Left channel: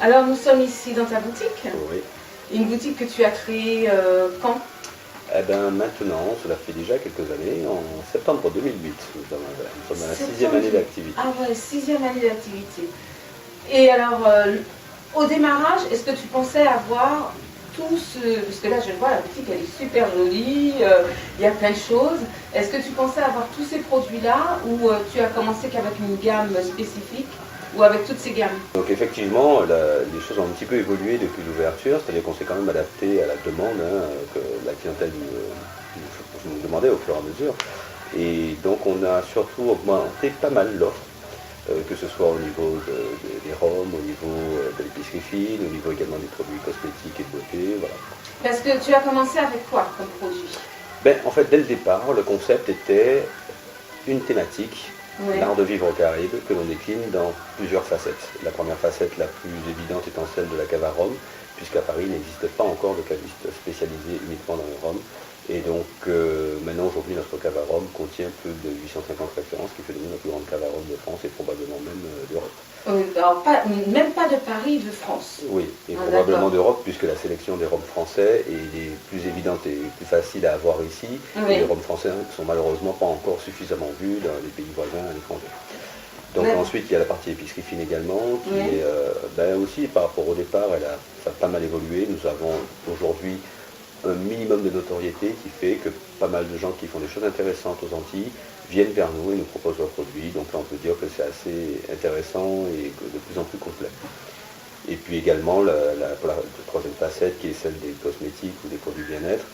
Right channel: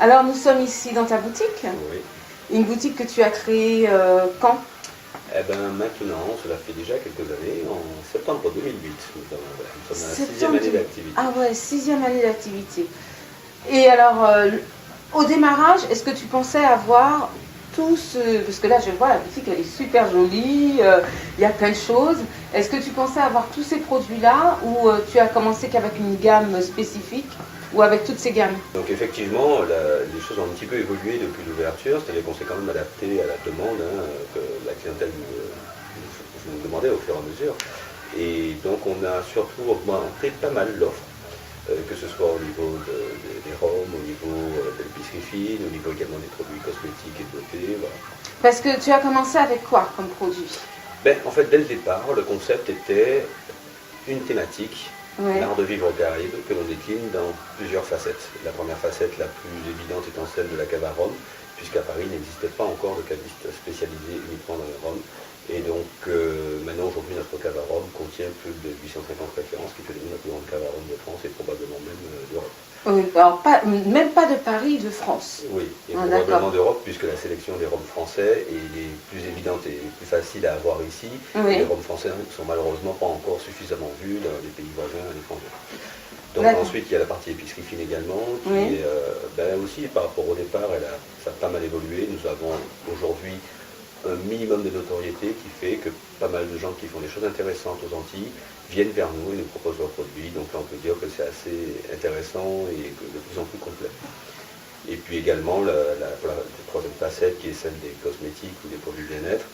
Alors nous sommes ici dans ta boutique, Oui. une boutique que tu as créée quand? Eh bien maintenant, cela fait déjà quelques années, en septembre 2008, nous sommes dans la sixième année d'activité. Ah ouais, 6e année d'activité. Et alors, au démarrage, est-ce que tu pensais avoir tout ce... Parce que là, je vois, la boutique, elle est super jolie, il y a plein de choses. Est-ce que tu pensais avoir tous ces produits-là ou tu as commencé qu'avec une gamme spécifique ou avec toutes ces gammes? Donc effectivement, les choses ont un petit peu évolué depuis l'ouverture, c'est-à-dire qu'on s'est quand même adapté à la demande que la clientèle nous demandait au fur et à mesure. Et donc on a surtout augmenté pas mal l'offre, que ce soit au niveau des rhums, au niveau de l'épicerie fine, au niveau également des produits cosmétiques et de beauté. Voilà. Parce que tu as commencé avec quoi comme produit? Ben, en fait, dès le départ, le concept était une thématique, Ouais. l'art de vivre aux Caraïbes, que l'on décline dans plusieurs facettes. La première facette, la plus évidente, étant celle de la cave à rhum, puisqu'à Paris, il n'existait pas encore de caviste spécialisé uniquement dans les rhums. Et donc, maintenant, aujourd'hui, notre cave à rhum contient plus de 850 références, qui fait de nous la plus grande cave à rhum de France et probablement même d'Europe. Alors, même pas de Paris, de France. Oui, et Ah, probablement d'accord. d'Europe, puisque la sélection des rhums français est les plus évidente et plus facile à avoir ici. Oui. Et les rhums français ne sont malheureusement pas encore suffisamment vus dans les pays voisins à l'étranger. Donc D'accord. ensuite, il y a la partie épicerie fine également, qui Oui. est aussi par rapport au départ, ça a pas mal évolué. Nous avons aujourd'hui un minimum de notoriété qui fait que pas mal de gens qui font des choses intéressantes aux Antilles viennent vers nous et nous proposent leurs produits. Donc là, on peut dire que c'est assez intéressant et de plus en plus complet. Et puis également, pour la troisième facette, qui est celle des cosmétiques ou des produits bien-être,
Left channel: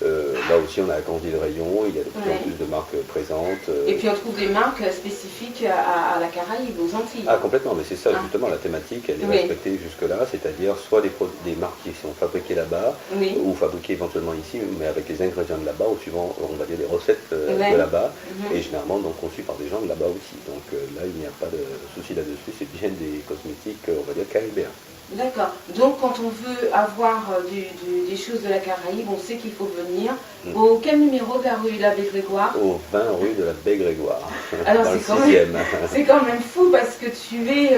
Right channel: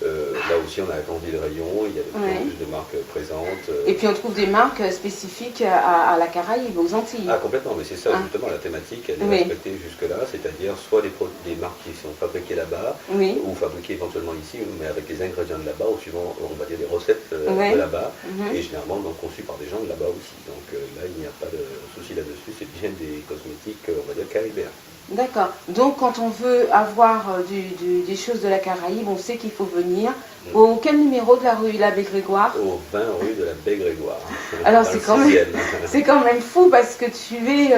là aussi, on a agrandi le rayon, il y a de plus en Oui. plus de marques présentes. Et puis on trouve des marques spécifiques à la Caraïbe, aux Antilles. Ah, complètement, mais c'est ça, Ah. justement, la thématique, elle est Oui. respectée jusque-là, c'est-à-dire soit des marques qui sont fabriquées là-bas, Oui. ou fabriquées éventuellement ici, mais avec les ingrédients de là-bas, ou suivant, on va dire, des recettes Oui. de là-bas, Mhm. et généralement donc conçues par des gens de là-bas aussi. Donc là, il n'y a pas de souci là-dessus, c'est bien des cosmétiques, on va dire, caribéens. D'accord. Donc quand on veut avoir des choses de la Caraïbe, on sait qu'il faut venir. Au quel numéro de la rue l'Abbé Grégoire? Au 20 rue de la Baie-Grégoire, Alors dans le c'est quand même, 6e. c'est quand même fou parce que tu es...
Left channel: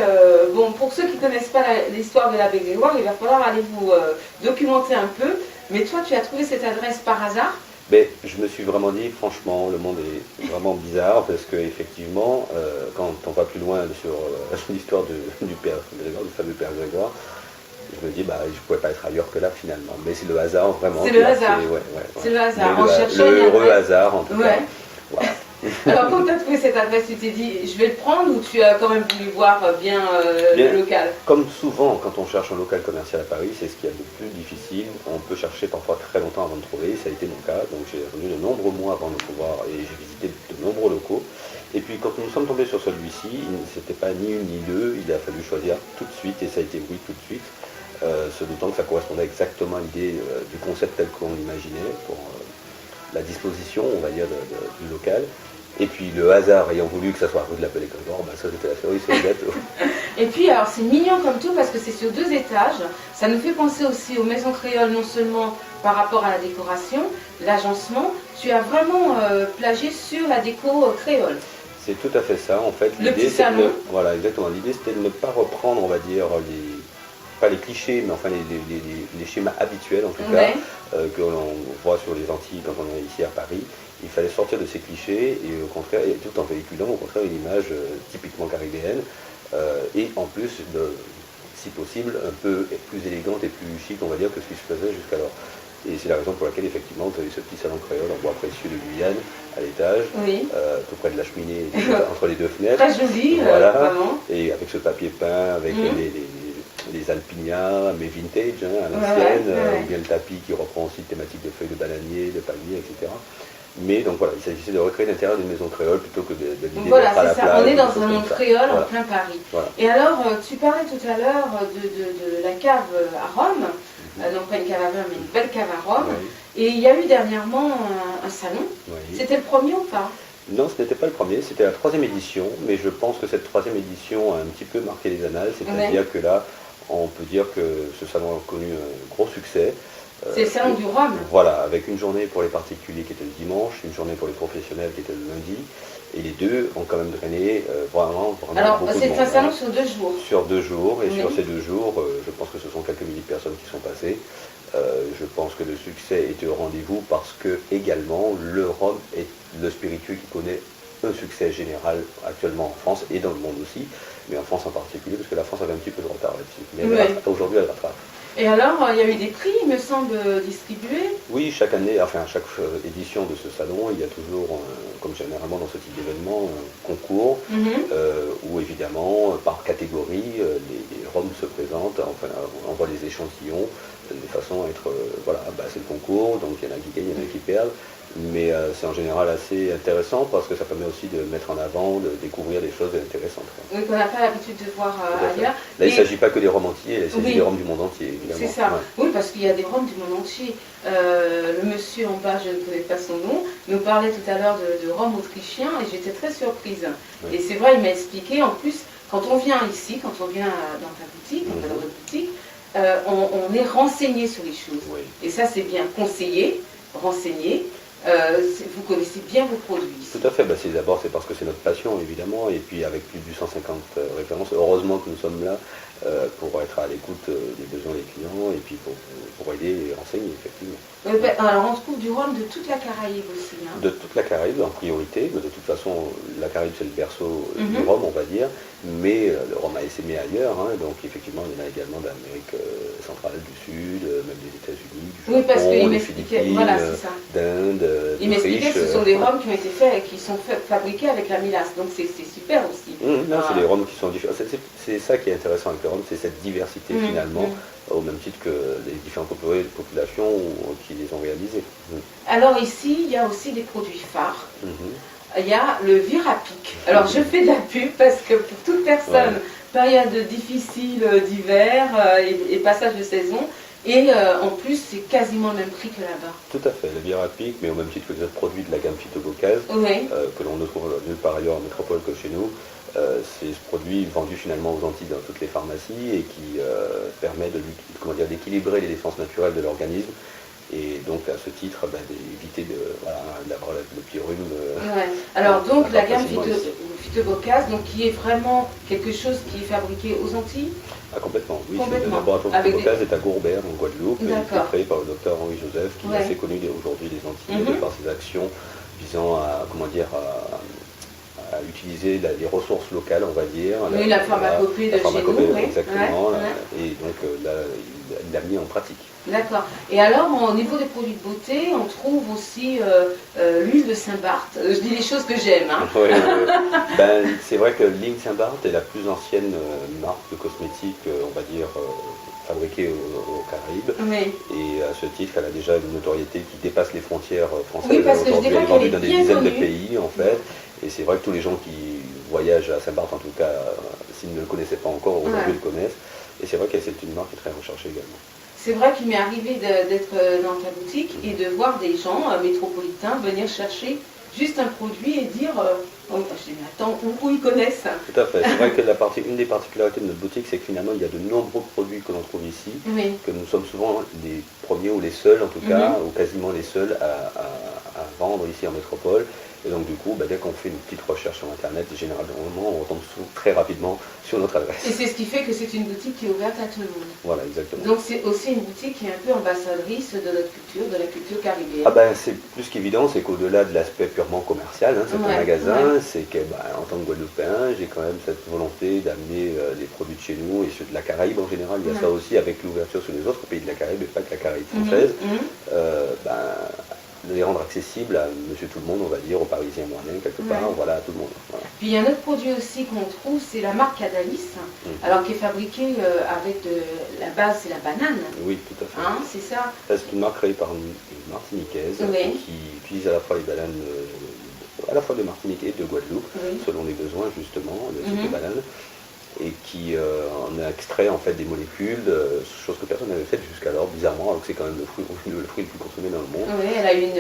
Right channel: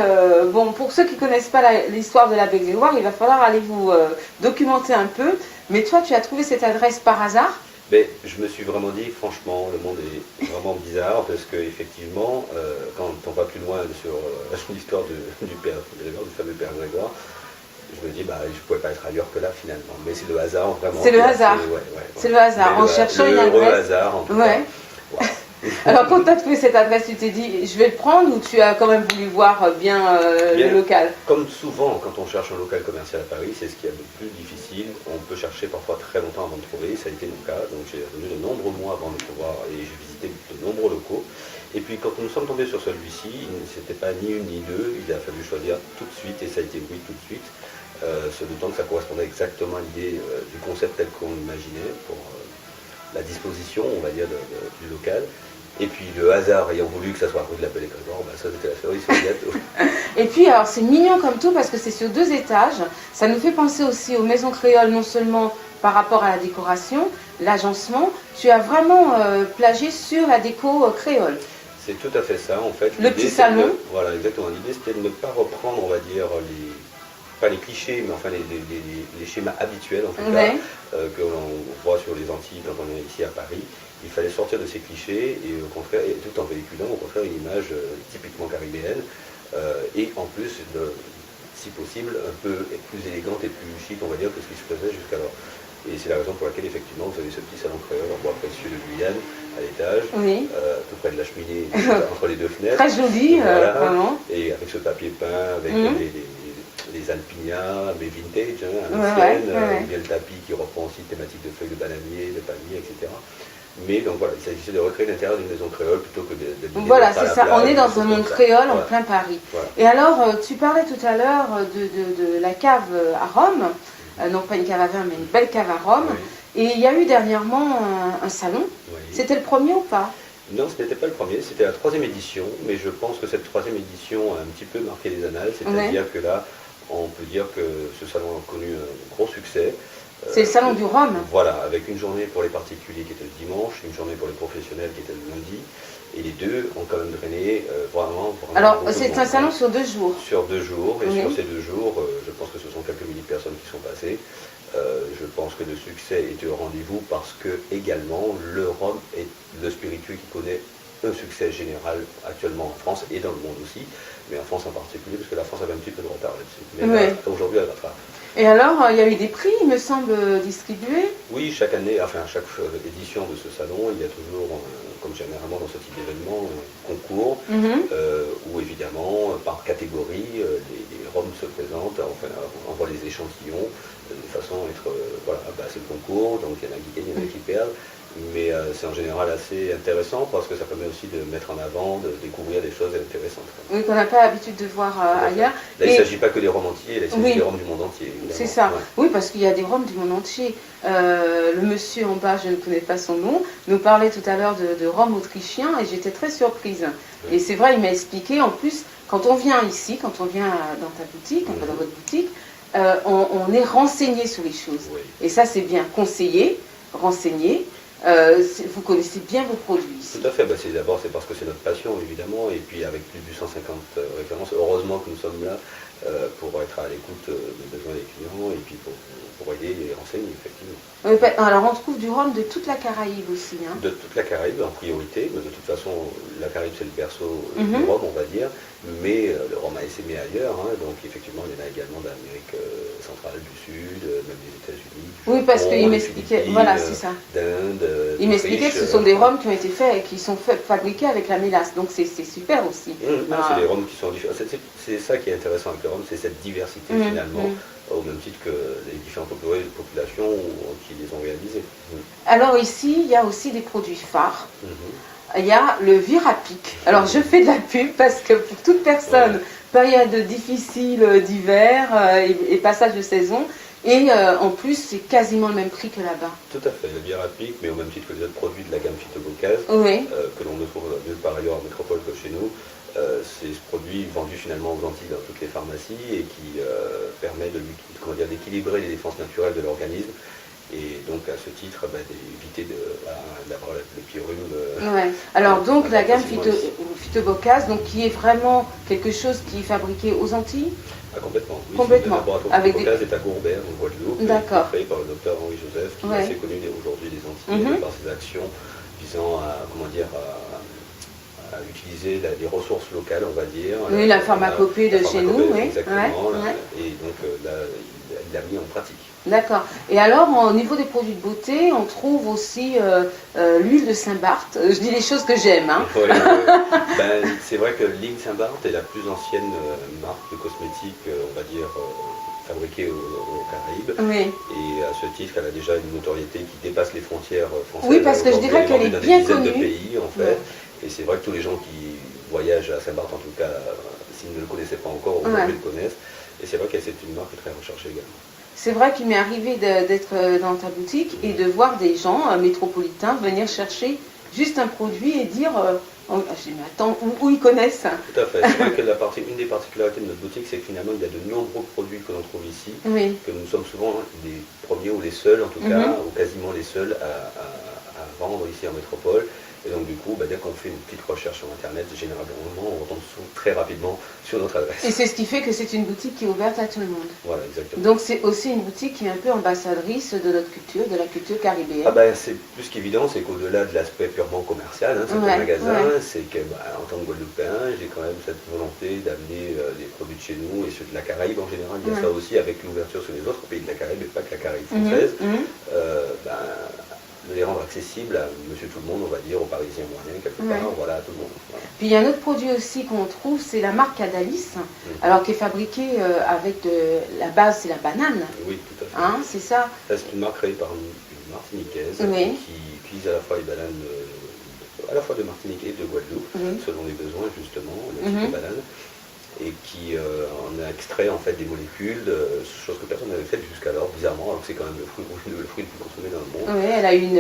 bon, pour ceux qui ne connaissent pas l'histoire de l'Abbé Grégoire, il va falloir aller vous documenter un peu. Mais toi, tu as trouvé cette adresse par hasard? Mais je me suis vraiment dit, franchement, le monde est vraiment bizarre parce qu'effectivement, quand on va plus loin sur l'histoire du père Grégoire, du fameux père Grégoire, je me dis, bah, je ne pouvais pas être ailleurs que là finalement. Mais c'est le hasard vraiment. C'est le hasard. C'est le hasard. En cherchant le une heureux adresse. hasard en tout Ouais. cas. Voilà. Alors quand tu as trouvé cette adresse, tu t'es dit, je vais le prendre, ou tu as quand même voulu voir bien Bien. le local? Comme souvent, quand on cherche un local commercial à Paris, c'est ce qu'il y a de plus difficile. On peut chercher parfois très longtemps avant de trouver, ça a été mon cas. Donc j'ai attendu de nombreux mois avant de pouvoir, et j'ai visité de nombreux locaux. Et puis quand nous sommes tombés sur celui-ci, c'était pas ni une ni deux, il a fallu choisir tout de suite, et ça a été oui tout de suite, se doutant que ça correspondait exactement à l'idée du concept tel qu'on l'imaginait pour la disposition, on va dire, du local. Et puis le hasard ayant voulu que ça soit rue de la Baie-Grégoire, bah, ça c'était la cerise sur le gâteau. Et puis alors c'est mignon comme tout parce que c'est sur 2 étages. Ça nous fait penser aussi aux maisons créoles, non seulement par rapport à la décoration, l'agencement. Tu as vraiment plagié sur la déco créole. C'est tout à fait ça, en fait. Le petit salon. Voilà, exactement. L'idée, c'était de ne pas reprendre, on va dire, pas les clichés, mais enfin les schémas habituels, en tout Ouais. cas, que l'on voit sur les Antilles quand on est ici à Paris. Il fallait sortir de ces clichés, et au contraire, et tout en véhiculant, au contraire, une image typiquement caribéenne, et en plus, si possible, un peu plus élégante et plus chic, on va dire, que ce qui se faisait jusqu'alors. Et c'est la raison pour laquelle, effectivement, vous avez ce petit salon créole en bois précieux de Guyane, à l'étage, Oui. tout près de la cheminée, entre les deux fenêtres. Très joli, Voilà. vraiment. Et avec ce papier peint, avec Mhm. les alpignats, mais vintage, à Ouais, l'ancienne, ouais. ou bien le tapis qui reprend aussi une thématique de feuilles de bananier, de palmier, etc. Mais donc voilà, il s'agissait de recréer l'intérieur d'une maison créole plutôt que de l'idée Voilà, d'être à c'est la ça. plage, On est des dans choses un comme monde ça. créole en Voilà. plein Paris. Voilà. Et alors, tu parlais tout à l'heure de la cave à Rome. Non pas une cave à vin, mais une belle cave à Rome. Oui. Et il y a eu dernièrement un salon. Oui. C'était le premier ou pas? Non, ce n'était pas le premier, c'était la troisième édition, mais je pense que cette troisième édition a un petit peu marqué les annales, c'est-à-dire que là, on peut dire que ce salon a connu un gros succès. C'est le salon du Rhum. Voilà, avec une journée pour les particuliers qui était le dimanche, une journée pour les professionnels qui était le lundi, Et les deux ont quand même drainé vraiment Alors, beaucoup de c'est monde, un salon sur 2 jours. Sur 2 jours, et Oui. sur ces 2 jours, je pense que ce sont quelques milliers de personnes qui sont passées. Je pense que le succès était au rendez-vous parce que également le rhum est le spiritueux qui connaît un succès général actuellement en France et dans le monde aussi, mais en France en particulier, parce que la France avait un petit peu de retard là-dessus. Mais aujourd'hui, elle rattrape. Et alors, il y a eu des prix, il me semble, distribués? Oui, chaque année, enfin chaque édition de ce salon, il y a toujours, comme généralement dans ce type d'événement, un concours où évidemment, par catégorie, les rhums se présentent, enfin on voit les échantillons de façon à être, voilà, c'est le concours, donc il y en a qui gagnent, il y en a qui perdent. Mais c'est en général assez intéressant parce que ça permet aussi de mettre en avant, de découvrir des choses intéressantes. Oui, qu'on n'a pas l'habitude de voir ailleurs. Là, il ne s'agit pas que des rhums entiers, là, il s'agit des rhums du monde entier. C'est ça. Ouais. Oui, parce qu'il y a des rhums du monde entier. Le monsieur en bas, je ne connais pas son nom, nous parlait tout à l'heure de rhum autrichien et j'étais très surprise. Oui. Et c'est vrai, il m'a expliqué, en plus, quand on vient ici, quand on vient dans ta boutique, dans votre boutique, on est renseigné sur les choses. Oui. Et ça, c'est bien conseillé, renseigné. Vous connaissez bien vos produits ici. Tout à fait, d'abord c'est parce que c'est notre passion évidemment, et puis avec plus de 150 références, heureusement que nous sommes là pour être à l'écoute des besoins des clients et puis pour aider et renseigner effectivement. Oui, alors on trouve du rhum de toute la Caraïbe aussi. Hein. De toute la Caraïbe en priorité, mais de toute façon la Caraïbe c'est le berceau du rhum on va dire, mais le rhum a essaimé ailleurs, hein, donc effectivement il y en a également d'Amérique centrale, du Sud, même des États-Unis, du Japon, oui, parce qu'il m'expliquait, voilà, c'est ça. d'Inde. Il m'expliquait que ce sont des rhums qui ont été faits, qui sont fabriqués avec la mélasse, donc c'est super aussi. C'est les rhums qui sont différents. C'est ça qui est intéressant avec le rhum, c'est cette diversité finalement, au même titre que les différentes populations qui les ont réalisés. Alors ici, il y a aussi des produits phares. Il y a le Virapic. Alors je fais de la pub parce que pour toute personne, période difficile d'hiver et passage de saison, et en plus, c'est quasiment le même prix que là-bas. Tout à fait, le Virapic, mais au même titre que les autres produits de la gamme Phytobocase, que l'on ne trouve nulle part ailleurs en métropole que chez nous. C'est ce produit vendu finalement aux Antilles dans toutes les pharmacies et qui permet d'équilibrer les défenses naturelles de l'organisme. Et donc à ce titre, d'éviter d'avoir le pyrrhume. Alors donc la gamme Phytobocase, qui est vraiment quelque chose qui est fabriqué aux Antilles? Complètement, oui. Complètement. Le laboratoire Phytobocase est à Gourbert, en Guadeloupe, et créé par le docteur Henri Joseph, qui est assez connu aujourd'hui des Antilles, par ses actions visant à, à utiliser les ressources locales, on va dire. Oui, la pharmacopée de chez nous. Exactement, et donc là, il l'a mis en pratique. D'accord. Et alors, au niveau des produits de beauté, on trouve aussi l'huile de Saint-Barth. Je dis les choses que j'aime. Hein. C'est vrai que l'huile Saint-Barth est la plus ancienne marque de cosmétiques, on va dire, fabriquée aux Caraïbes. Et à ce titre, elle a déjà une notoriété qui dépasse les frontières françaises. Oui, parce que je dirais qu'elle est dans des dizaines de pays, en fait. Et c'est vrai que tous les gens qui voyagent à Saint-Barth, en tout cas, s'ils ne le connaissaient pas encore, aujourd'hui le connaissent. Et c'est vrai que c'est une marque très recherchée également. C'est vrai qu'il m'est arrivé d'être dans ta boutique et de voir des gens métropolitains venir chercher juste un produit et dire je dis, mais attends, où ils connaissent? Tout à fait. C'est vrai que une des particularités de notre boutique, c'est que finalement, il y a de nombreux produits que l'on trouve ici, que nous sommes souvent les premiers ou les seuls, en tout cas, ou quasiment les seuls à vendre ici en métropole. Et donc du coup, dès qu'on fait une petite recherche sur Internet, généralement, on retombe très rapidement sur notre adresse. Et c'est ce qui fait que c'est une boutique qui est ouverte à tout le monde. Voilà, exactement. Donc c'est aussi une boutique qui est un peu ambassadrice de notre culture, de la culture caribéenne. C'est plus qu'évident, c'est qu'au-delà de l'aspect purement commercial, c'est un magasin, c'est que en tant que Guadeloupéen, j'ai quand même cette volonté d'amener des produits de chez nous et ceux de la Caraïbe en général. Il y a ça aussi avec l'ouverture sur les autres pays de la Caraïbe et pas que la Caraïbe française. De les rendre accessibles à monsieur tout le monde, on va dire, aux Parisiens moyens, quelque part, voilà, à tout le monde. Voilà. Puis il y a un autre produit aussi qu'on trouve, c'est la marque Adalis, alors qui est fabriquée avec la base, c'est la banane. Oui, tout à fait. C'est ça. C'est une marque créée par une Martiniquaise qui utilise à la fois les bananes, à la fois de Martinique et de Guadeloupe, selon les besoins justement, le type de banane. Et qui en a extrait en fait des molécules, chose que personne n'avait faite jusqu'alors, bizarrement, alors que c'est quand même le fruit le plus consommé dans le monde. Oui, elle a une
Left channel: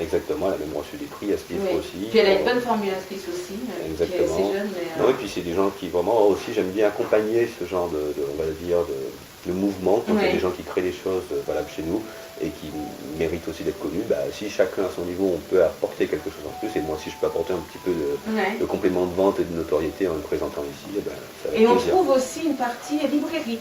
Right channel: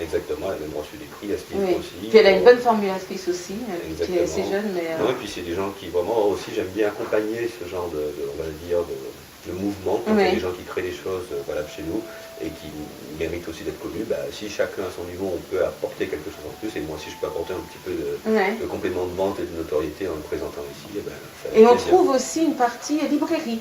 exactement, elle a même reçu des prix à ce titre aussi. Puis elle a une bonne formulatrice aussi, exactement. Qui est assez jeune. Et puis c'est des gens qui vraiment aussi, j'aime bien accompagner ce genre on va dire, le mouvement, quand il y a Oui. des gens qui créent des choses valables chez nous et qui méritent aussi d'être connus, bah, si chacun à son niveau on peut apporter quelque chose en plus, et moi aussi je peux apporter un petit peu Ouais. de complément de vente et de notoriété en le présentant ici, et ben, ça va Et être on plaisir. trouve aussi une partie librairie.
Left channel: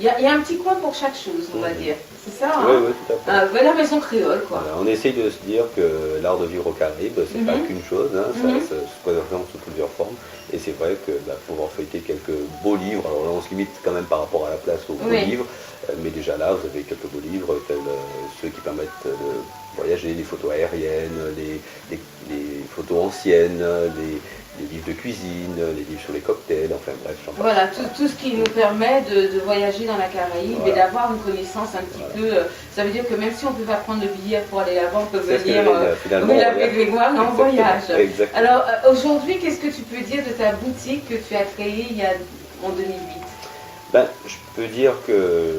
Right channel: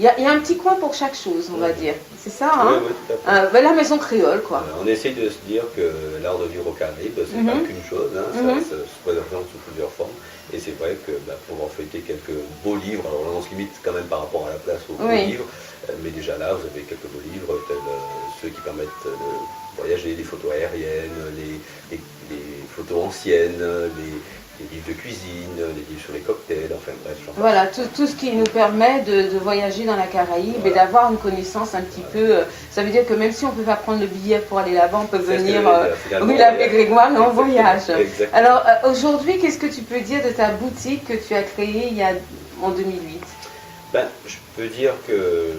Il y a un petit coin pour chaque chose, on va dire. C'est ça, Oui, hein? oui, tout à fait. Ben, la maison créole, quoi. Voilà, on essaye de se dire que l'art de vivre aux Caraïbes, c'est pas qu'une chose, hein, ça se présente sous plusieurs formes. Et c'est vrai que pouvoir feuilleter quelques beaux livres, alors là on se limite quand même par rapport à la place aux beaux Oui. livres, mais déjà là vous avez quelques beaux livres, tels ceux qui permettent de voyager, les photos aériennes, les photos anciennes, les livres de cuisine, les livres sur les cocktails, enfin bref, j'en passe. Voilà, tout ce qui nous permet de voyager dans la Caraïbe et Voilà. d'avoir une connaissance un petit peu. Ça veut dire que même si on ne peut pas prendre le billet pour aller là-bas, on peut C'est ce que venir j'allais dire, finalement, oui, avec Grégoire, mais en Exactement, voyage. exactement. Alors aujourd'hui, qu'est-ce que tu peux dire de ta boutique que tu as créée en 2008? Ben, je peux dire que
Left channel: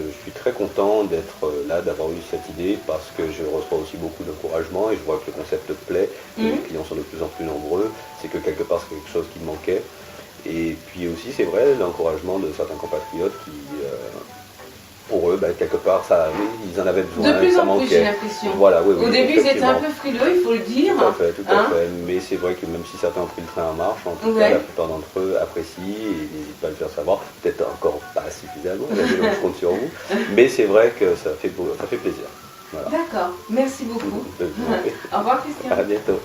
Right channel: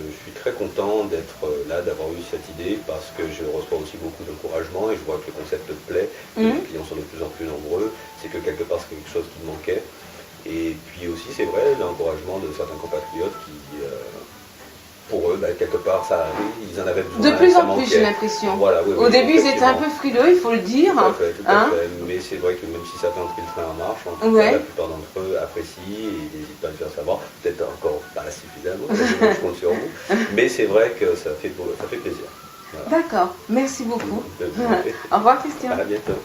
je suis très content d'être là, d'avoir eu cette idée, parce que je reçois aussi beaucoup d'encouragement et je vois que le concept plaît, que les clients sont de plus en plus nombreux, c'est que quelque part c'est quelque chose qui me manquait. Et puis aussi, c'est vrai, l'encouragement de certains compatriotes qui, pour eux, quelque part, ils en avaient besoin, De plus ça en plus, j'ai manquait. l'impression. Voilà, oui, Au oui, début, ils étaient un effectivement. peu frileux, il faut le dire. Tout à fait, tout à Hein? fait. Mais c'est vrai que même si certains ont pris le train en marche, en tout Ouais. cas, la plupart d'entre eux apprécient et n'hésitent pas à le faire savoir. Peut-être encore pas suffisamment, je compte sur vous. Mais c'est vrai que ça fait plaisir. Voilà. D'accord, merci beaucoup. Je vous en prie. Au revoir Christian. À bientôt.